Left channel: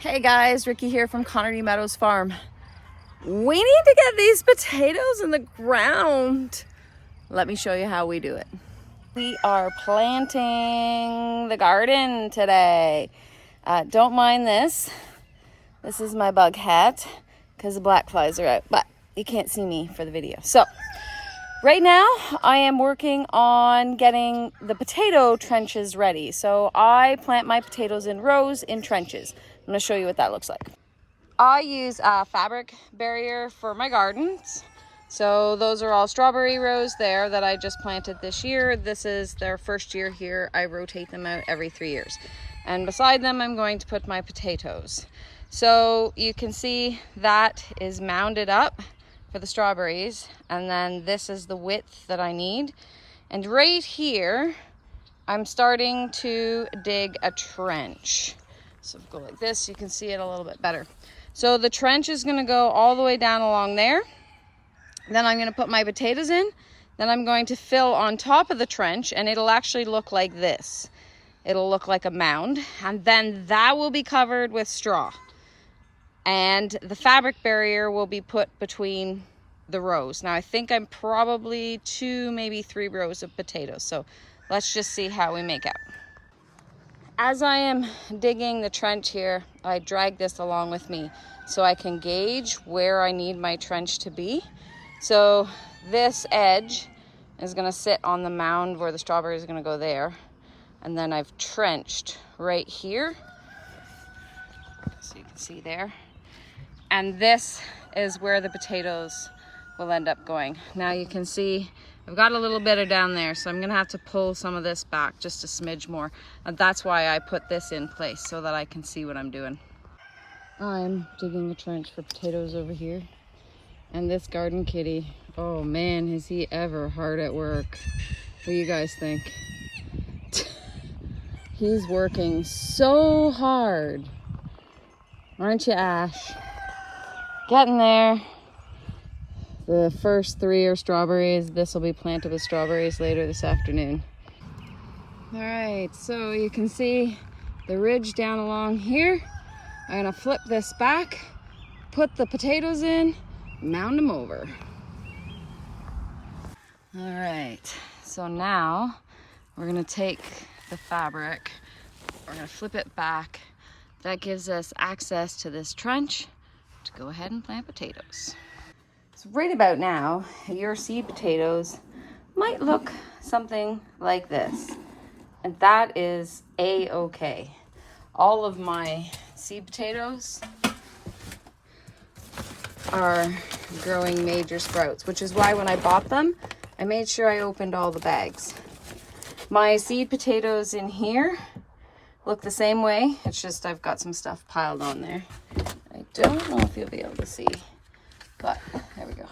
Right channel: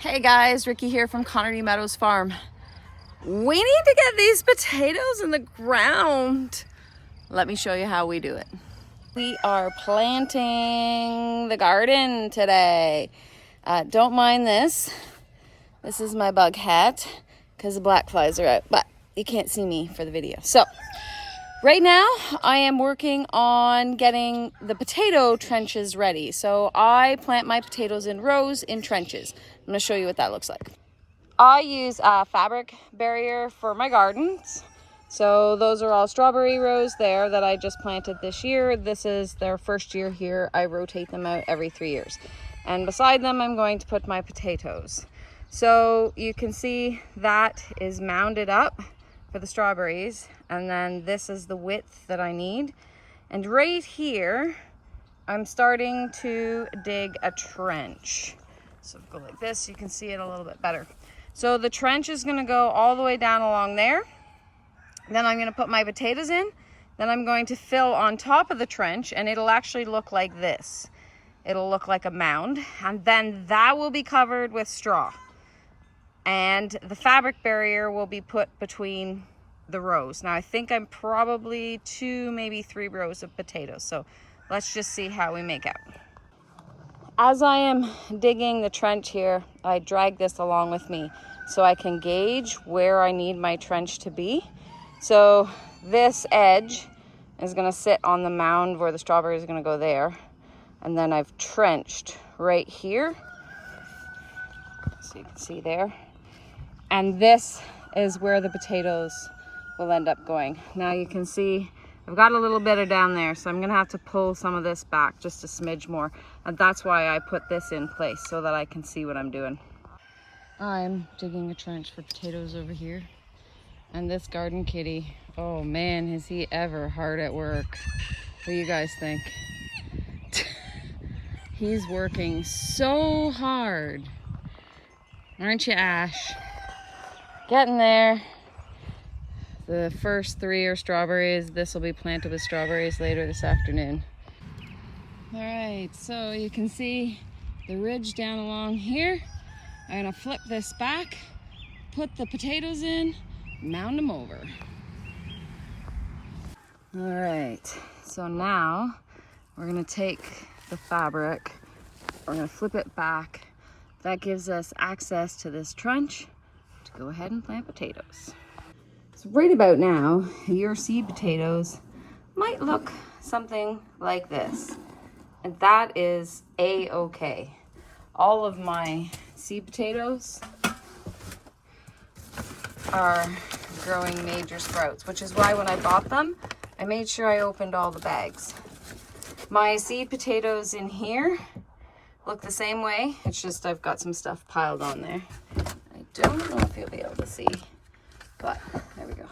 Hey guys, Ricky here from Connerty Meadows Farm. We need to get these potatoes in the ground. Let me show you how we do it. We are planting the garden today. Don't mind this. This is my bug hat because the black flies are out, but you can't see me for the video. So right now I am working on getting the potato trenches ready. So I plant my potatoes in rows in trenches. I'm going to show you what that looks like. I use a fabric barrier for my gardens. So those are all strawberry rows there that I just planted this year. This is their first year here. I rotate them out every 3 years. And beside them, I'm going to put my potatoes. So you can see that is mounded up for the strawberries. And then this is the width that I need. And right here, I'm starting to dig a trench. So if I go like this, you can see it a little bit better. So the trench is gonna go all the way down along there. Then I'm gonna put my potatoes in. Then I'm going to fill on top of the trench and it'll actually look like this. It'll look like a mound. And then that will be covered with straw. And the fabric barrier will be put between the rows. Now I think I'm probably 2, maybe 3 rows of potatoes. So let's just see how we make out. As I am digging the trench here, I drag this along with me so I can gauge where I need my trench to be. So this edge is gonna sit on the mound where the strawberries are gonna go there. And then I've trenched right here. So you can see there. And this is where the potatoes will end up going. Now you can see I've got a little bit of down there, so I'm gonna have to pull some of this back just a smidge more. And that's why I put this in place, so that I can see what I'm doing. I'm digging a trench for potatoes over here. And this garden kitty, oh man, is he ever hard at work. What do you guys think? He's working so hard. Aren't you, Ash? Getting there. The first 3 are strawberries. This will be planted with strawberries later this afternoon. All right, so you can see the ridge down along here. I'm gonna flip this back, put the potatoes in, mound them over. All right, so now we're gonna take the fabric, we're gonna flip it back. That gives us access to this trench to go ahead and plant potatoes. So right about now, your seed potatoes might look something like this. And that is A-okay. All of my seed potatoes are growing major sprouts, which is why when I bought them, I made sure I opened all the bags. My seed potatoes in here look the same way. It's just I've got some stuff piled on there. I don't know if you'll be able to see, but there we go.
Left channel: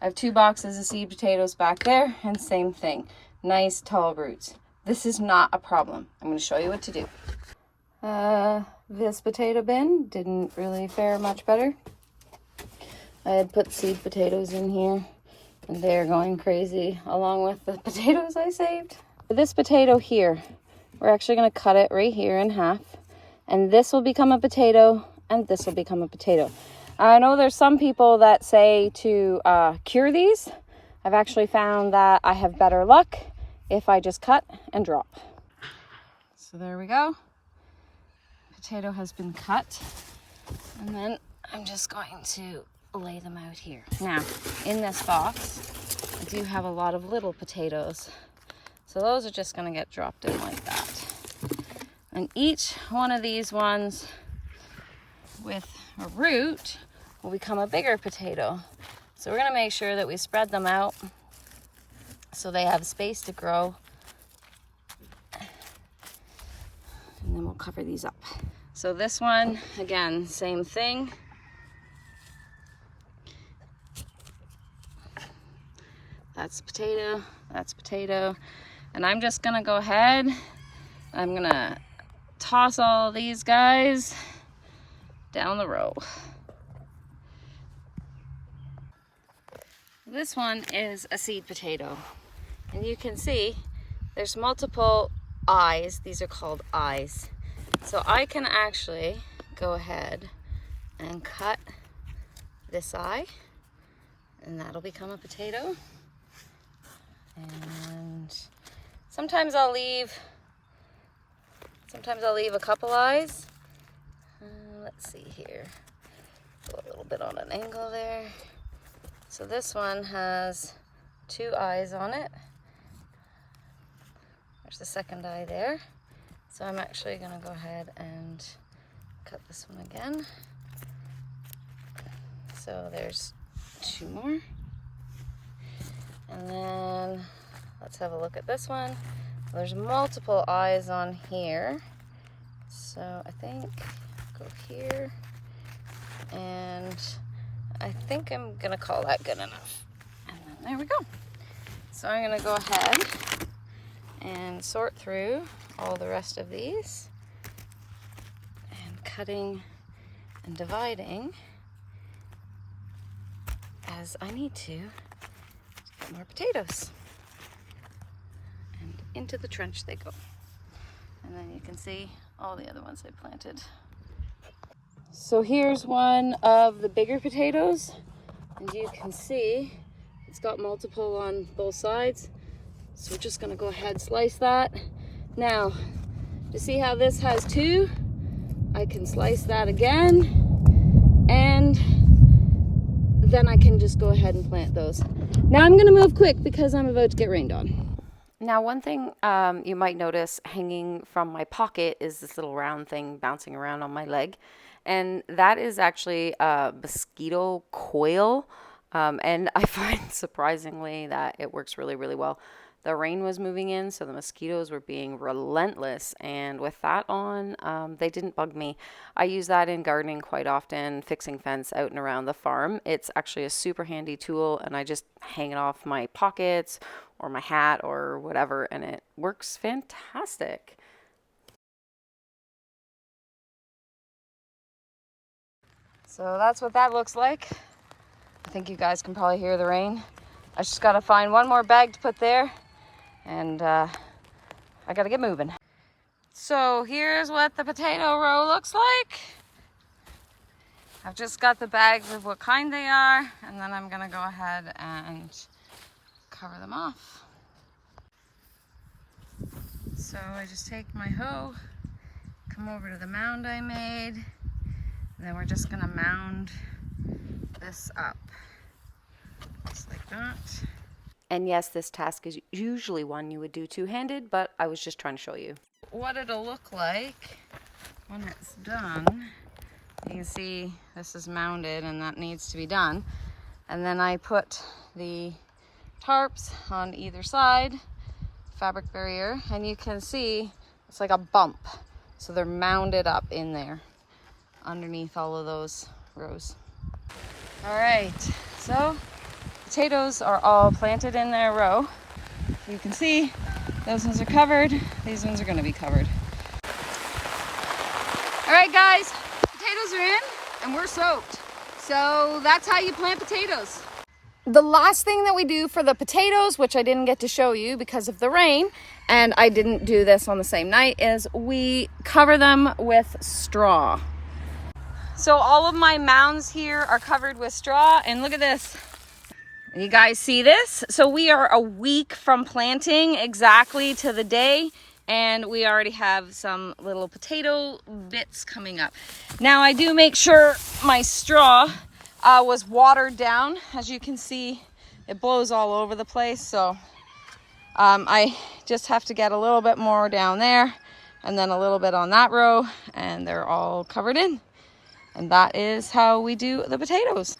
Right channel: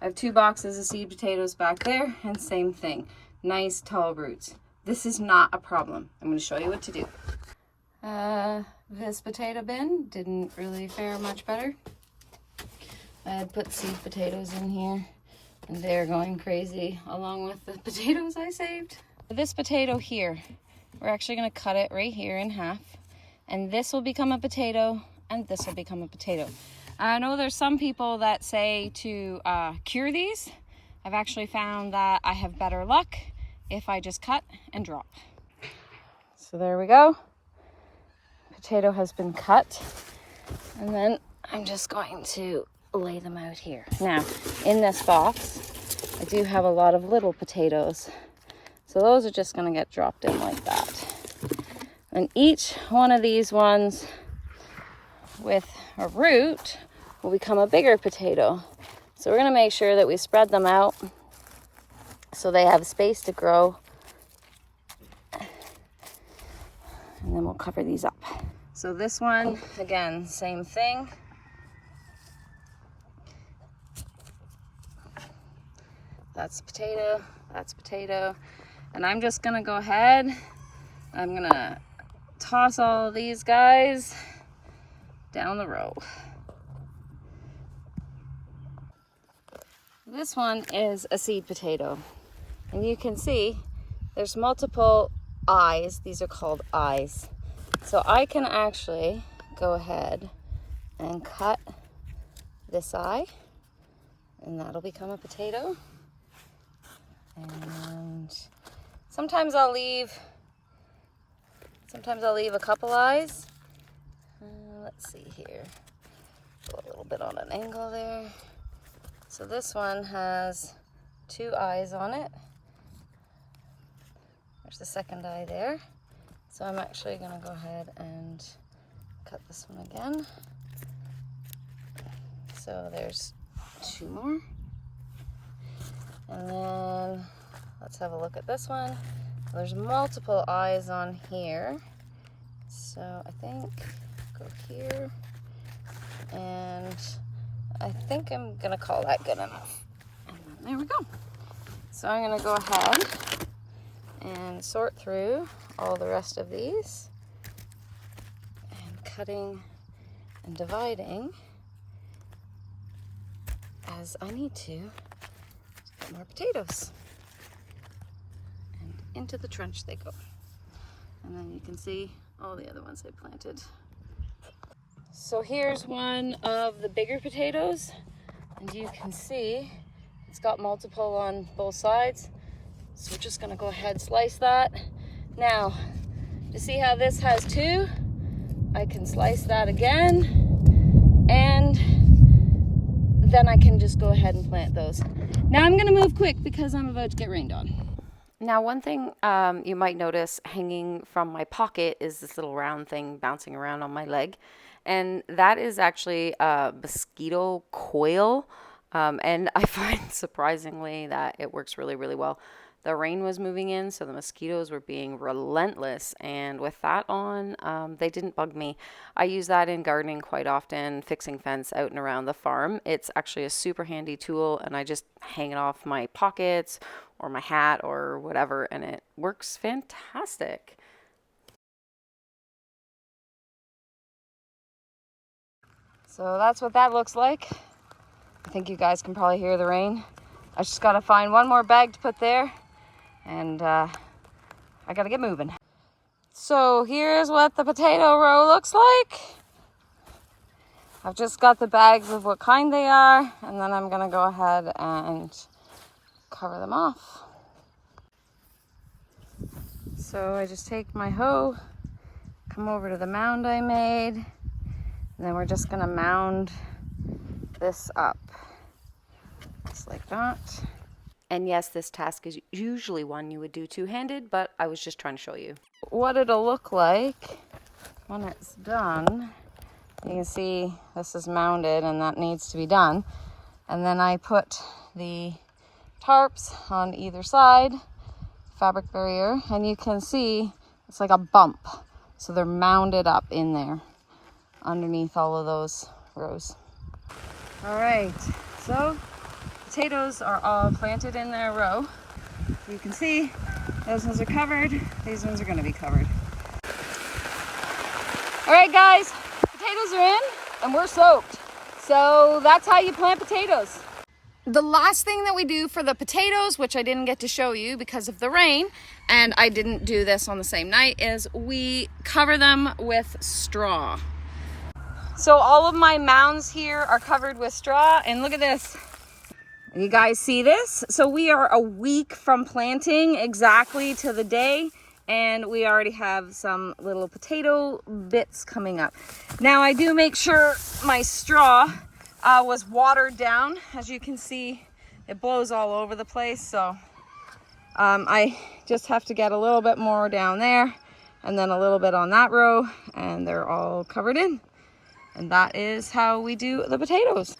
I have 2 boxes of seed potatoes back there, and same thing. Nice tall roots. This is not a problem. I'm going to show you what to do. This potato bin didn't really fare much better. I had put seed potatoes in here, and they're going crazy along with the potatoes I saved. This potato here, we're actually going to cut it right here in half, and this will become a potato, and this will become a potato. I know there's some people that say to cure these. I've actually found that I have better luck if I just cut and drop. So there we go. Potato has been cut. And then I'm just going to lay them out here. Now, in this box, I do have a lot of little potatoes. So those are just gonna get dropped in like that. And each one of these ones with a root will become a bigger potato. So we're gonna make sure that we spread them out so they have space to grow. And then we'll cover these up. So this one, again, same thing. That's potato, that's potato. And I'm just gonna go ahead, I'm gonna toss all these guys down the row. This one is a seed potato, and you can see there's multiple eyes. These are called eyes. So I can actually go ahead and cut this eye, and that'll become a potato. And sometimes I'll leave a couple eyes. Let's see here. Go a little bit on an angle there. So this one has 2 eyes on it. There's the second eye there. So I'm actually going to go ahead and cut this one again. So there's 2 more. And then let's have a look at this one. There's multiple eyes on here. So I think go here. And I think I'm gonna call that good enough. And then there we go. So I'm gonna go ahead and sort through all the rest of these and cutting and dividing as I need to get more potatoes. And into the trench they go. And then you can see all the other ones I planted. So here's one of the bigger potatoes, and you can see it's got multiple on both sides. So we're just gonna go ahead and slice that. Now, to see how this has 2, I can slice that again, and then I can just go ahead and plant those. Now I'm gonna move quick because I'm about to get rained on. Now, one thing you might notice hanging from my pocket is this little round thing bouncing around on my leg. And that is actually a mosquito coil. And I find surprisingly that it works really, really well. The rain was moving in, so the mosquitoes were being relentless. And with that on, they didn't bug me. I use that in gardening quite often, fixing fence out and around the farm. It's actually a super handy tool, and I just hang it off my pockets or my hat or whatever, and it works fantastic. So that's what that looks like. I think you guys can probably hear the rain. I just gotta find one more bag to put there, and I gotta get moving. So here's what the potato row looks like. I've just got the bags of what kind they are, and then I'm gonna go ahead and cover them off. So I just take my hoe, come over to the mound I made, and then we're just gonna mound this up, just like that. And yes, this task is usually one you would do two-handed, but I was just trying to show you what it'll look like when it's done. You can see this is mounded and that needs to be done. And then I put the tarps on either side, fabric barrier, and you can see it's like a bump. So they're mounded up in there underneath all of those rows. All right, so potatoes are all planted in their row. You can see those ones are covered, these ones are gonna be covered. All right guys, potatoes are in and we're soaked. So that's how you plant potatoes. The last thing that we do for the potatoes, which I didn't get to show you because of the rain, and I didn't do this on the same night, is we cover them with straw. So all of my mounds here are covered with straw, and look at this. You guys see this? So we are a week from planting exactly to the day, and we already have some little potato bits coming up. Now I do make sure my straw was watered down. As you can see, it blows all over the place. So I just have to get a little bit more down there and then a little bit on that row, and they're all covered in. And that is how we do the potatoes.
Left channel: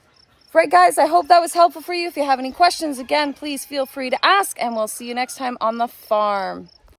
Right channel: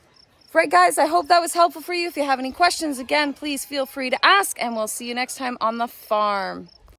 Right guys, I hope that was helpful for you. If you have any questions, again, please feel free to ask, and we'll see you next time on the farm.